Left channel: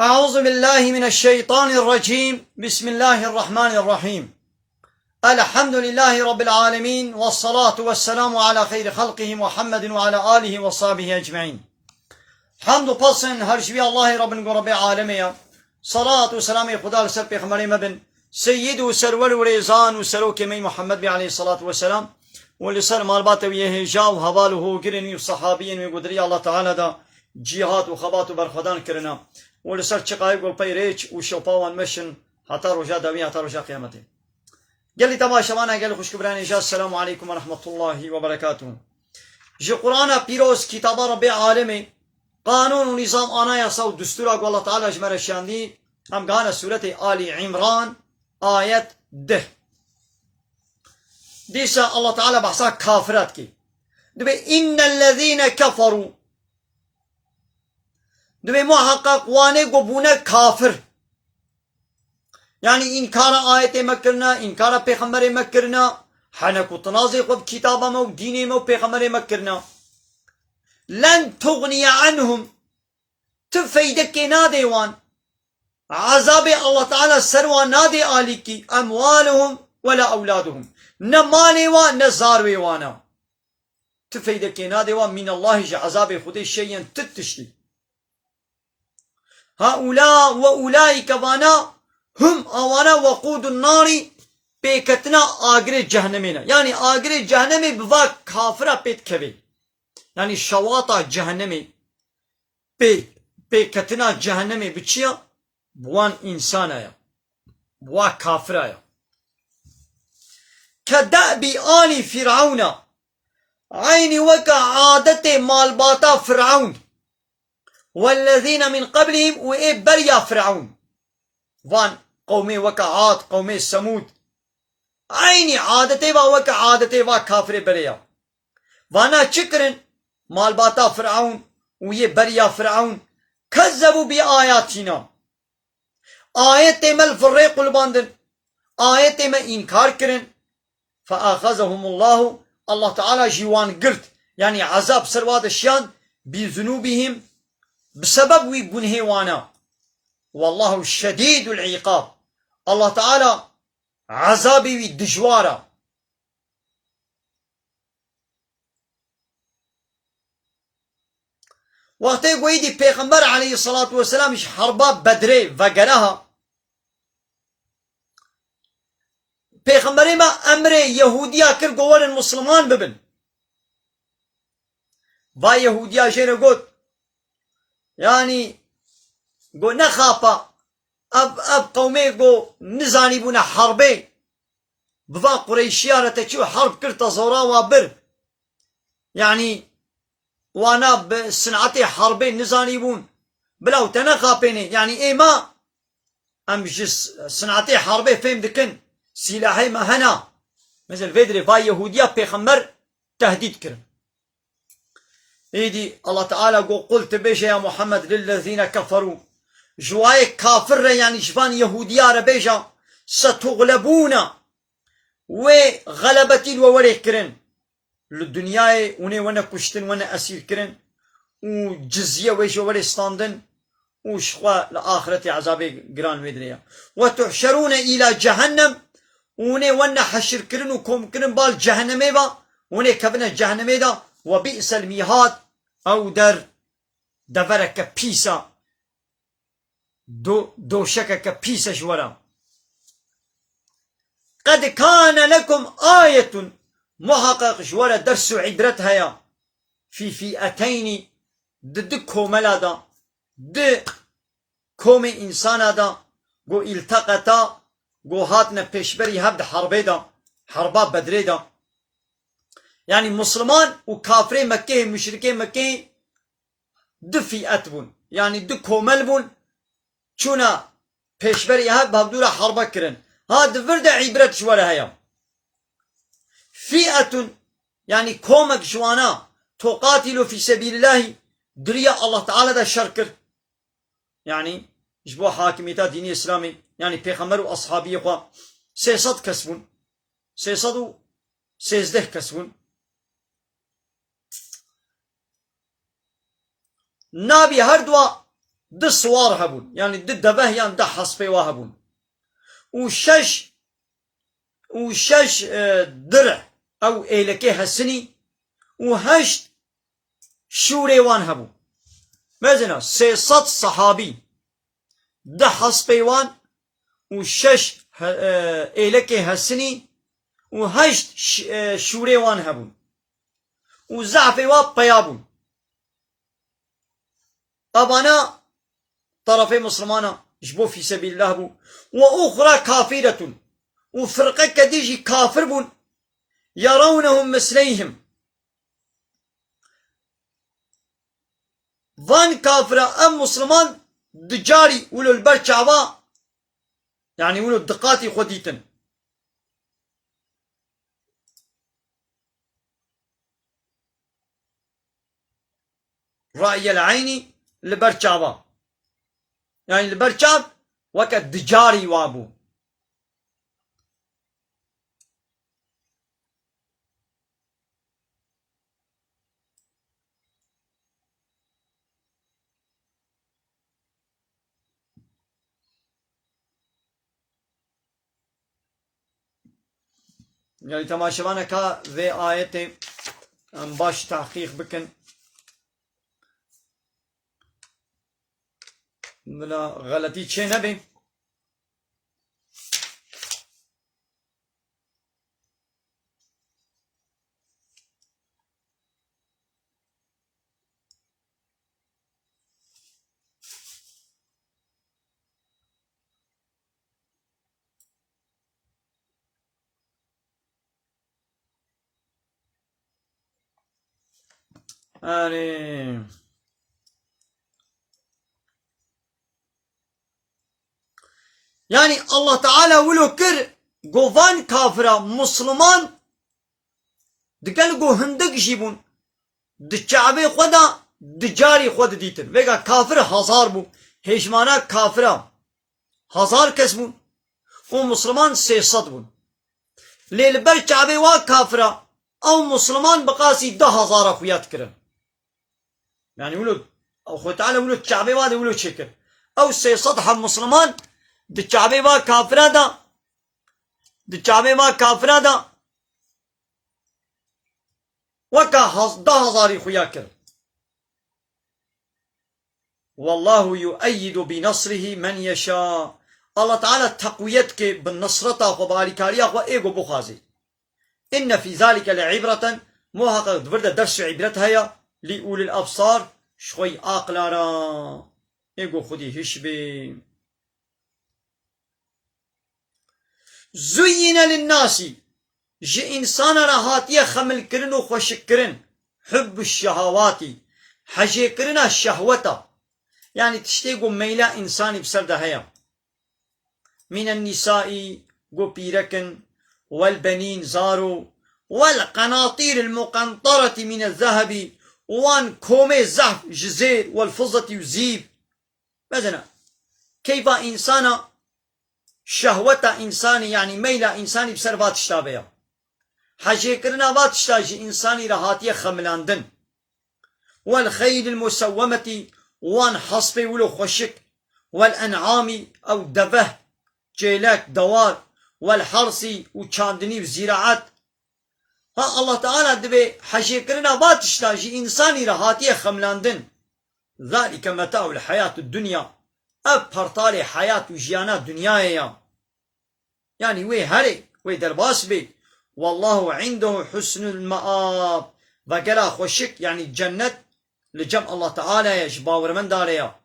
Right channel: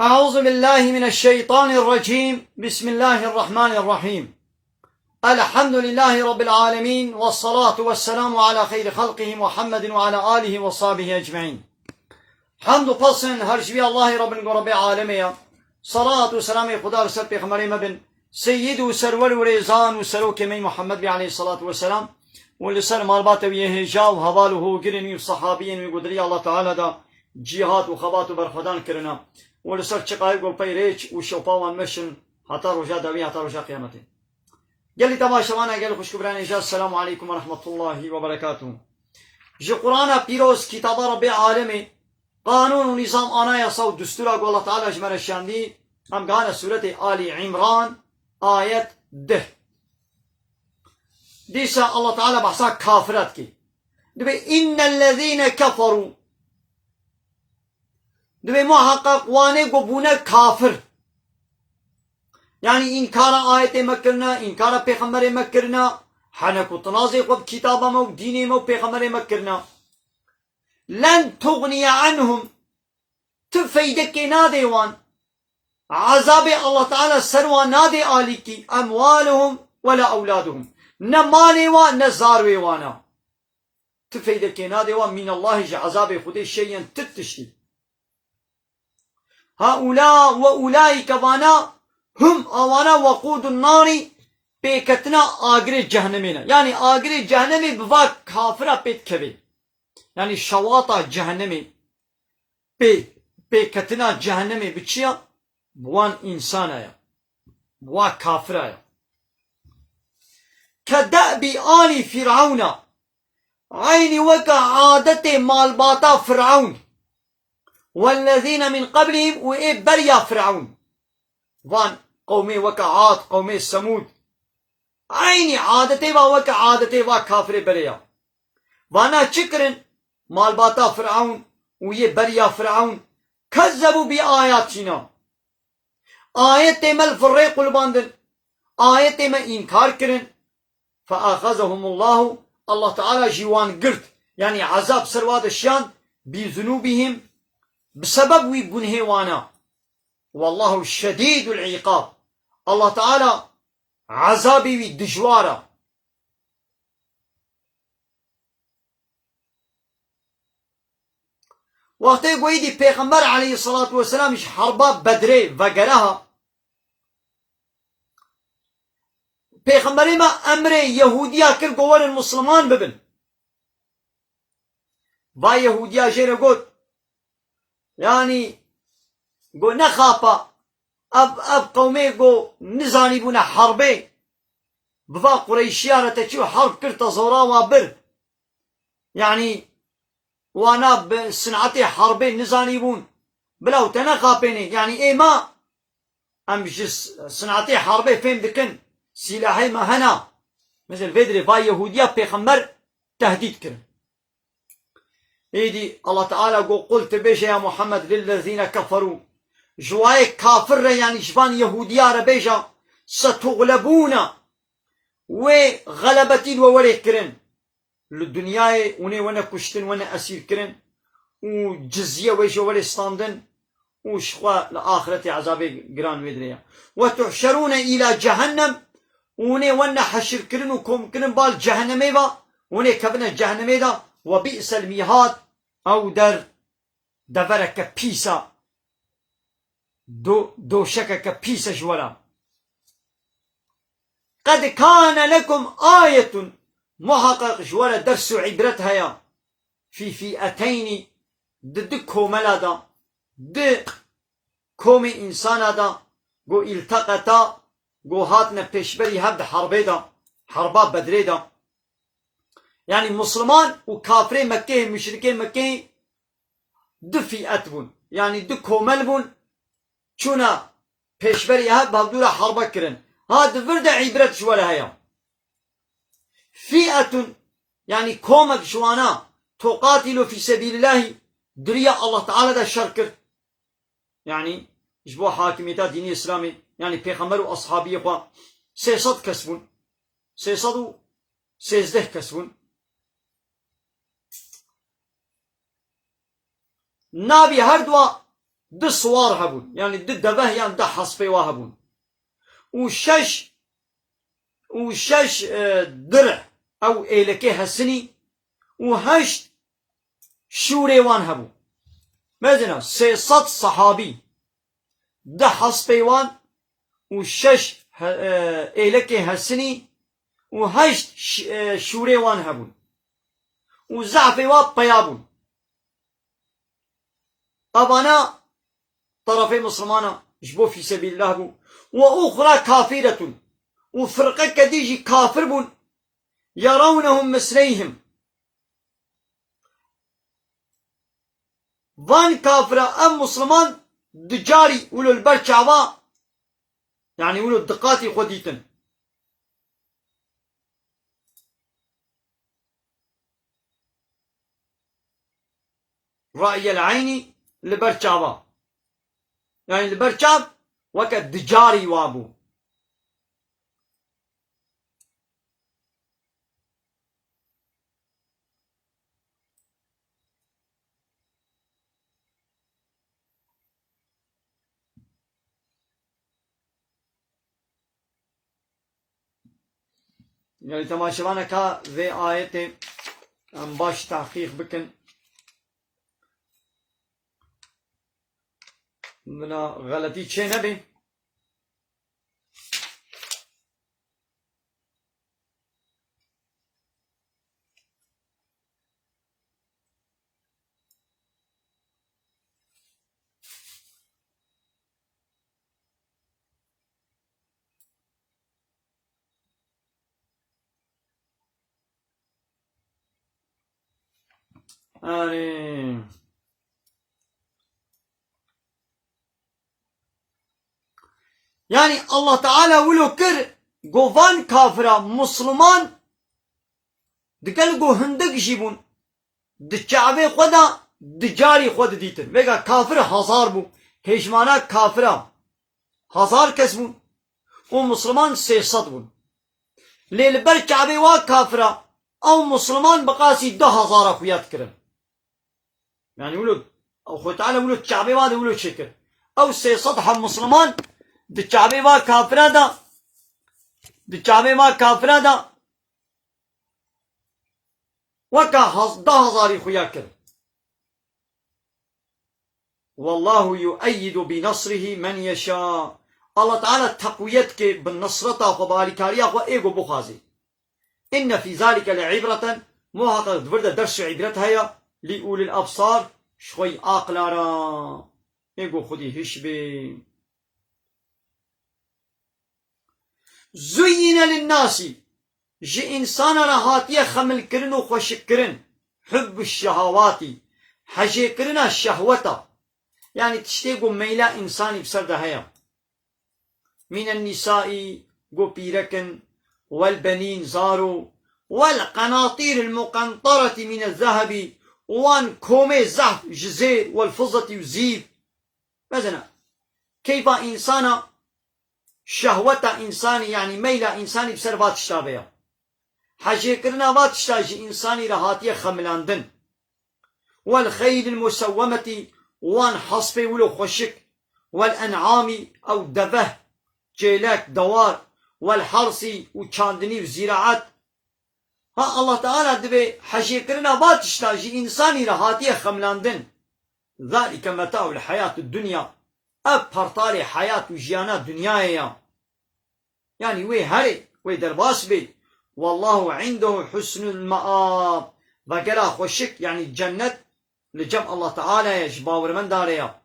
أعوذ بالله من الشيطان الرجيم. بسم الله الرحمن الرحيم. الحمد لله رب العالمين، والصلاة والسلام على خير خلقه محمد وعلى آله وصحبه أجمعين. حمد پسن هرشبی الله رب رب عالمه. صلاة و سلام خدا سر پیغمبر مبن سید و سرور و ریزان و سروک می محمد علیه الصلاة والسلام ولسر مالبات و یهجا و حواله گرنی و صحابین و قدری الله تعالی دا جهاد و خبات و برخدان کرنا ولسر چقای گل پی ریچ و شوپاوان مشن حتی رجا دوی حتی رجا قیامتی. قال لي تماشاوانا قال خوش كبراني جا السلام عليكم ورحمة الله وبركاته. جي قرآن بيروز كتاب رب عالمي قانون ونظام آنا يصو دستور الله تعالى جمر الشاندي هم قانا سورة آل عمران آية 10 ديسا الله تعالى بحثا كافرات كي دبي إن الذين كفروا دبي محقق واني قبونا كافر يعني إنكار آية مكرنا إنكار پیغمبر مكرنا حنك وتنازي قب كتابه مو ديني مو پیغمبر مكرنا لن تغني عنهم تفيدك ناديوان عذاب الله تعالى سروا نادي آليكي أموالهم ولا أولادهم نمالي وان نزاروي وانا تفيدك ناديوان من الله عذاب خدي شيئا تتشتي هؤلاء وأولئك وانا هم آوانا وقود النار پیکتنا آگر جهنمینا يعني آگر جهنمی بوا کافرا پیت کبی يعني شواطا جهنمی پیکتنا جهنمی بچیا بوان انسان آیا بوا کافر آیا كدأب آل فرعون عين وكا عادة مالباتا فرعون والذين من قبلهم وإبريا فرعون وان قومي وكا عاد قومي سمود عيني عادتي وكا عادتي وكافر بريا وانا شكرن مالباتا فرعون ويه بريا فرعون كذبوا بآياتنا آيات مل فريق الباندن آيات ما إنكار كرن فأخذهم الله تعالى جوان قرد يعني عذاب سرواد الشان بذنوبهم بسبب ويقنه وانا والله شديد العقاب الله تعالى عذابي والدجوارة وقتی قويدي پیغمبر عليه الصلاة والسلام حربا بدري وقرها پیغمبر ما امر يهوديا كر قوان المسلمان ببن و يهوديا جينا قلت يعني قو نخافا اب قومي قو نزاني بونا حربي بفا قريشيانة تشو حرب كرتا زورا وابر يعني وانا بصنعتي حربي نزاني بون بلاو تنخافيني يعني ايه ما ام جس صنعتي حربي فهم دكن سلاحي ما هنا مثل فيدري فا يهوديا بيخمر تهديد كرن ايدي الله تعالى قلت بيش يا محمد للذين كفروا جواي كافر يعني شبان يهوديا ربيجا ستغلبون وغلبتي ووري كرن للدنيا وانا كشتن وانا اسير كرن وجزية ويش وري ستاندن وشخوا لآخرة عذاب قران مدريا وتحشرون الى جهنم وانا حشر كرن وكم كرن بال جهنمي با وانا كبنا جهنمي دا وبئس الميهاد او در دفرك بيسا دو شكك بيسا جورا قد كان لكم آية محقق جورا درس عبرتها يا في فئتين ضد كوملا دا د كوم انسان دا قو التقطا قو هاتنا پیشبری هبد حربه دا حربا بدره دا يعني مسلمان وكافري مكة مشركين مكة د فئات بون يعني د كومل بون چونا پیشبری هاد بابدورا حربا كرن هاد فرد عبرت شوارا هيا فئة يعني كومك شوانا تقاتل في سبيل الله دريا الله تعالى دا شركر يعني جبوا حاكميتا ديني اسلامي يعني پیغمبر و اصحابي خوا 300 كسبون 313 كسبون نابي هر دوا د سوار هبون يعني د دبه يعني د حصبي وهبون وشش درع او ايلكي هسني وهشت شوري وان هبو مثلا 300 صحابي د حصبي وان وشش ايلكي هسني وهشت شوري وان هبون وزعفي وان بيابون أبانا طرفي مسلمانا جبو في سبيل الله بو وأخرى كافرة وفرقة كديجي كافر بون يرونهم مثليهم فان كافرة أم مسلمان دجاري ولو البرشعوا يعني ولو الدقاتي خديتن رأي العيني لبرشعوا يعني البرشاب وقت دجاري وابو يعني تماشوانا كا ذي آيتي ام باش تحقيق بكن من غلطي تشي نبي يعني الله تعالى ولو كر قوفان كافرة مسلمان دقل قو هندق جيبون دجعبي خدا دجاري خود ديتن ويقا كافر هزار بو هجمانا كافرة هزار كس بون ومسلمان 300 بون ليل برجعبي وا كافرة او مسلمان بقاسي 10,000 خويات كرن يعني ولو او خو تعالى ولو تشعبي وادي ولو شكر او 300 هم مسلمان دجعبي وا كافرة دا دجعبي وا كافرة دا وكا 10,000 خويات كرن والله يؤيد بنصره من يشاء الله تعالى تقويتك بالنصرة وباركاريا وإيغو بخازي إن في ذلك لعبرة محقق دفرد درس عبرتها هي لأولي الأبصار شوي آقلارا إيغو خدي هشبي زين للناس جي إنسان رهاتية خمل كرن وخوشك كرن حب الشهوات حجي كرن الشهوة يعني تشتيقو ميلا إنساني بسرده هيا من النساء قو بيركن والبنين زارو والقناطير المقنطرة من الذهب وان كومي زهف جزير والفضة يزيد مثلا كيف إنسان شهوة إنساني يعني ميلا إنساني بسر تشتابيا حاجة كرنا وات تشتاجي إنساني رهاتية خملاندن والخيل المسومة وان حصبي ولو خشك والأنعام أو دبه جيلات دوار والحرسي وشاندني وزراعات ها الله تعالى دبي حشي كرنا باتشتاجي إنساني رهاتيه خملاندن ذلك متاع الحياة الدنيا أبهرطالي حياة وجيانات دنيايا يعني وي هري وي درباس بي والله عنده حسن المآب وقلا خوشك يعني الجنة لجمع الله تعالى يجباور من داريا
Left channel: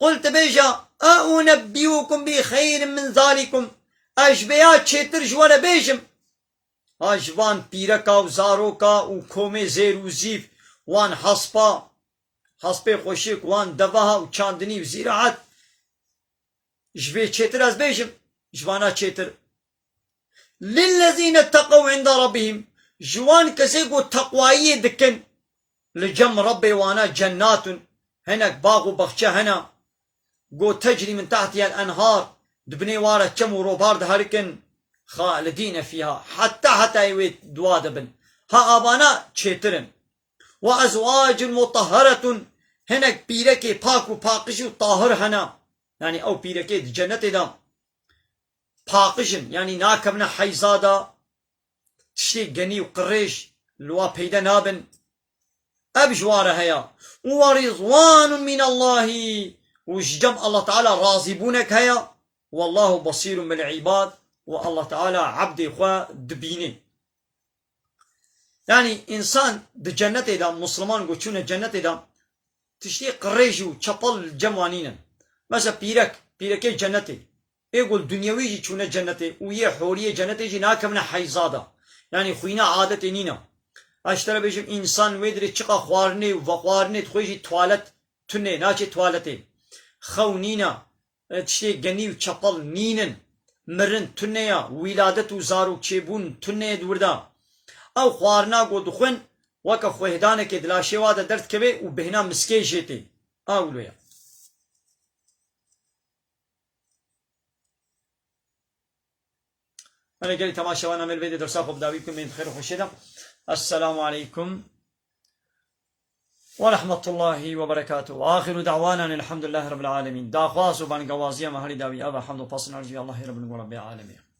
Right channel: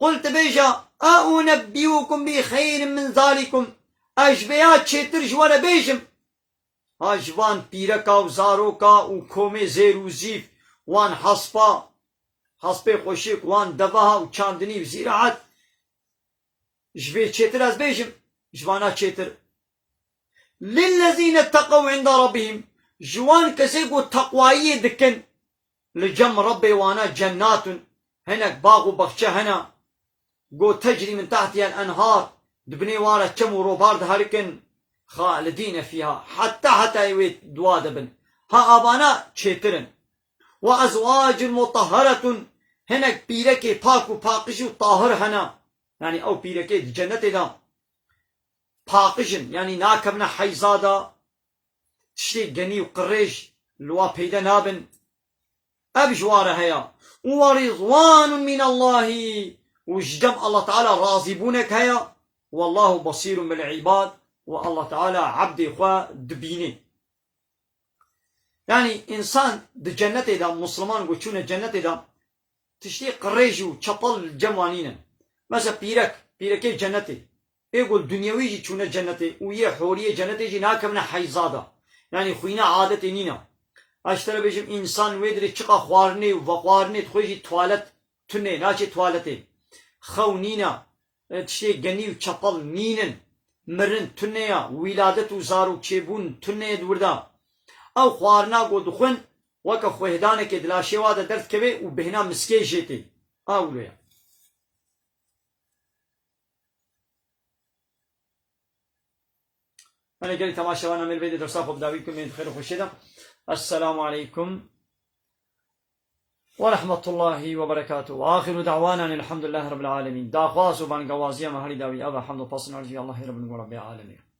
قلت بيجا أنبئكم بخير من ذلكم أجبيات شتر جوانا بيجم أجوان بيركا وزاروكا وكومي زير وزيف وان حصبا حصبي خوشيك وان دواها وچاندني وزراعات جبي شتر از بيجم جوانا شتر للذين اتقوا عند ربهم جوان كسيقو تقوائي دكن لجم ربي وانا جنات هناك باغ وبخشة هنا قو تجري من تحتها الأنهار دبني وارا كم وروبارد هاركن خالدين فيها حتى يويت دوادبن ها أبانا تشيترن وأزواج مطهرة هنك بيركي باكو باقشو طاهر هنا يعني او بيركي جنة دا باقشن يعني ناكبنا حيزادا تشتي جني وقريش لوا بيدا نابن أبجوار هيا ورضوان من الله وجدم الله تعالى راضبونك هيا والله بصير بالعباد والله تعالى عبد إخوة دبيني يعني إنسان دجنة دا مسلمان قوشون الجنة دا تشتي قريجو چپل جموانين مثلا بيرك جنة يقول دنيوي جي چونه جنة ويه حورية جنة جي ناكمنا حيزادا يعني خوينا عادت نينا اشترى بيجم انسان ويدري چقا خوارني وخوارني تخويجي توالت تنه ناچه توالته خونينا تشتي غني وچپل نينن مرن تنه ولادت وزارو چيبون تنه دوردا او خوارنا گو دخن وك خوهدانه كه دلاشي واده درد كبه وبهنا مسكي جيتي اولويا انا قلت تماشا وانا من الفيديو درسا خب داويكم من خير وخشيدة السلام عليكم ورحمة الله وبركاته واخر دعوانا الحمد لله رب العالمين دا خواص وبان قوازيا مهالي داوي ابا حمد وفصل نرجي الله رب العالمين